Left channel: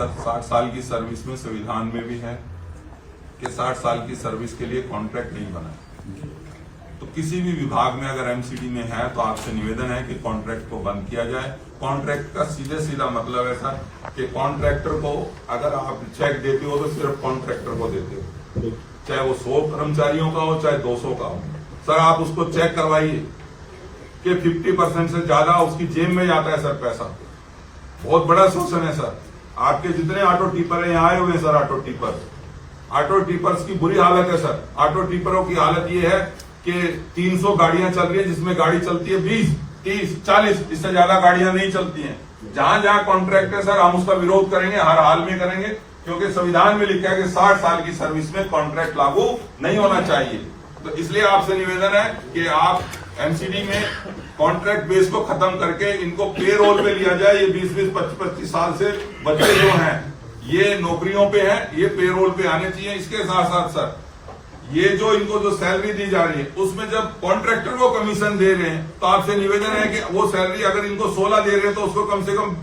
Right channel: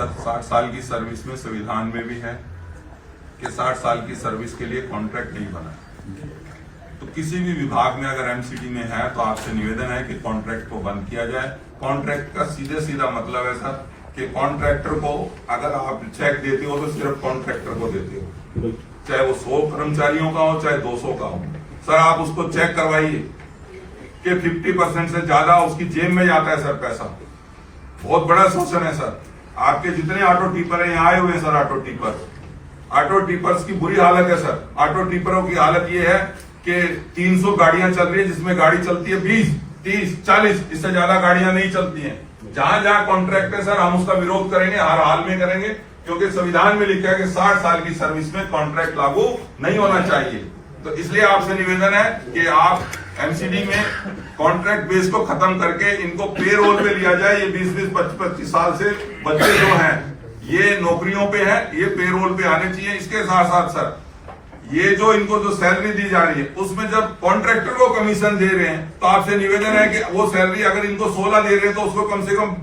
Sir 60 साल की service में संविधान में भी है कि 60 साल की सर्विस के लिए कॉन्ट्रैक्ट नहीं बना। तो किसी भी विभाग में अगर एमसीडी में है तो आपसे निवेदन है कि कॉन्ट्रैक्ट को बंद किया जाए। कॉन्ट्रैक्ट का सीधे सीधा मतलब है सर कि कॉन्ट्रैक्टर को अगर आप चेक देते हो तो सिर्फ कॉन्ट्रैक्टर को देते हो, चाहे वो 100 कर्मचारियों का हो चाहे 200 का हो। सर आप उसको चेक करवाइए कि 50% से ज्यादा उसकी जेब में जाता है सर पैसा। बहुत बड़ा शोषण है सर। आपके जितने ऑटो टिपर है यहाँ आए हुए हैं सर, ऑटो टिपर्स की बुरी हालत है सर। ऑटो टिपरों की हालत ये है कि 300 गाड़ियां चल रही है जिसमें गाड़ी चलती है 20, 30, 40, इससे ज्यादा गाड़ियां नहीं चलती हैं। जहां जहां कॉन्ट्रैक्ट है सर हम उसका विरोध करेंगे, हर हाल में करेंगे, क्योंकि संविधान में लिखा है कि 60 साल की सर्विस में कॉन्ट्रैक्ट लागू नहीं होना चाहिए। तो इसलिए आपसे निवेदन है कि आप एमसीडी में कॉन्ट्रैक्ट बेस को खत्म करके इनको पे रोल पे लिया जाए। ये 20-20, 25-25 साल से बच्चे जो हैं ये नौकरियों पे हैं, ये पे रोल पे आने चाहिए। इसके साथ साथ सर ये जो इनको जो सैलरी दी जा रही है उसमें जब कॉन्ट्रैक्टर को कमीशन दे रहे हैं तो आपसे निवेदन है कि वो सैलरी अगर इनको 16 दे रहे हैं तो उसको कम से कम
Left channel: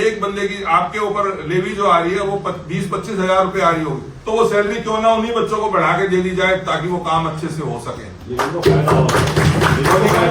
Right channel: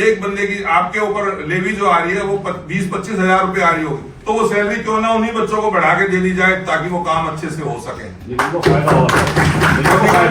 एक बंदे की आपके ऊपर लेवी जो आ रही है वो 20-25 हजार रुपए आ रही होगी, तो वो सैलरी क्यों ना उन्हीं बच्चों को बढ़ा के दे दी जाए ताकि वो काम अच्छे से हो सके।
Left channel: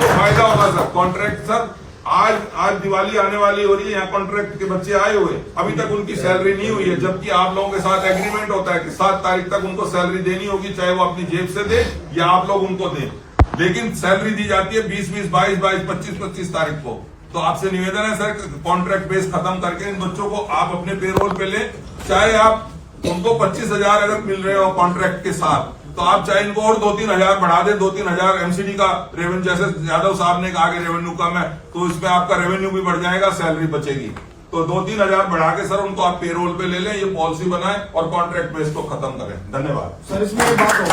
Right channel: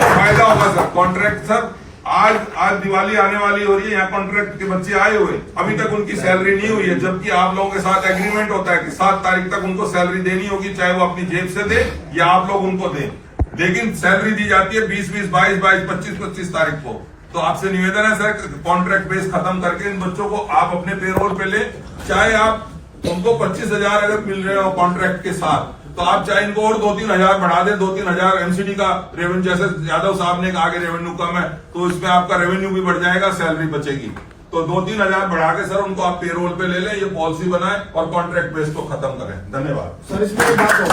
फायदा होगा सर। कॉन्ट्रैक्ट सर आज दिवाली आने वाली हो रही है, यहाँ कॉन्ट्रैक्ट के बच्चे आए हुए, अभी तक उनकी सैलरी नहीं हुई है, जबकि आप लोगों के साथ एग्रीमेंट होता है कि 7 तारीख तक उनको सैलरी देनी होगी, चाहे वो अपनी जेब से दे या आप लोग उनको दें। लेकिन सैलरी दी जाती है 20-20, 22-22, 25-25 तारीख को। तो आपसे निवेदन है सर कॉन्ट्रैक्ट बेस खत्म करके इन बच्चों को आप अपने पेरोल पे ले, चाहे आप उनको 25 हजार अगर मिल रहे हो कॉन्ट्रैक्ट के साथ तो आप चाहे इनको और 2-3 हजार बढ़ा दे। 2-3 हजार एमसीडी का रेवेन्यू, जैसे यादव साहब ने कहा कि रेवेन्यू कम है तो इसमें आपका रेवेन्यू भी बढ़ जाएगा, सैलरी बचेगी। तो 2-3 हजार बढ़ा के सर उनको आप पेरोल पे ले लें, ये पॉलिसी बनाएं और कॉन्ट्रैक्ट बेस को खत्म करें। धन्यवाद सर। इसमें एक बात हो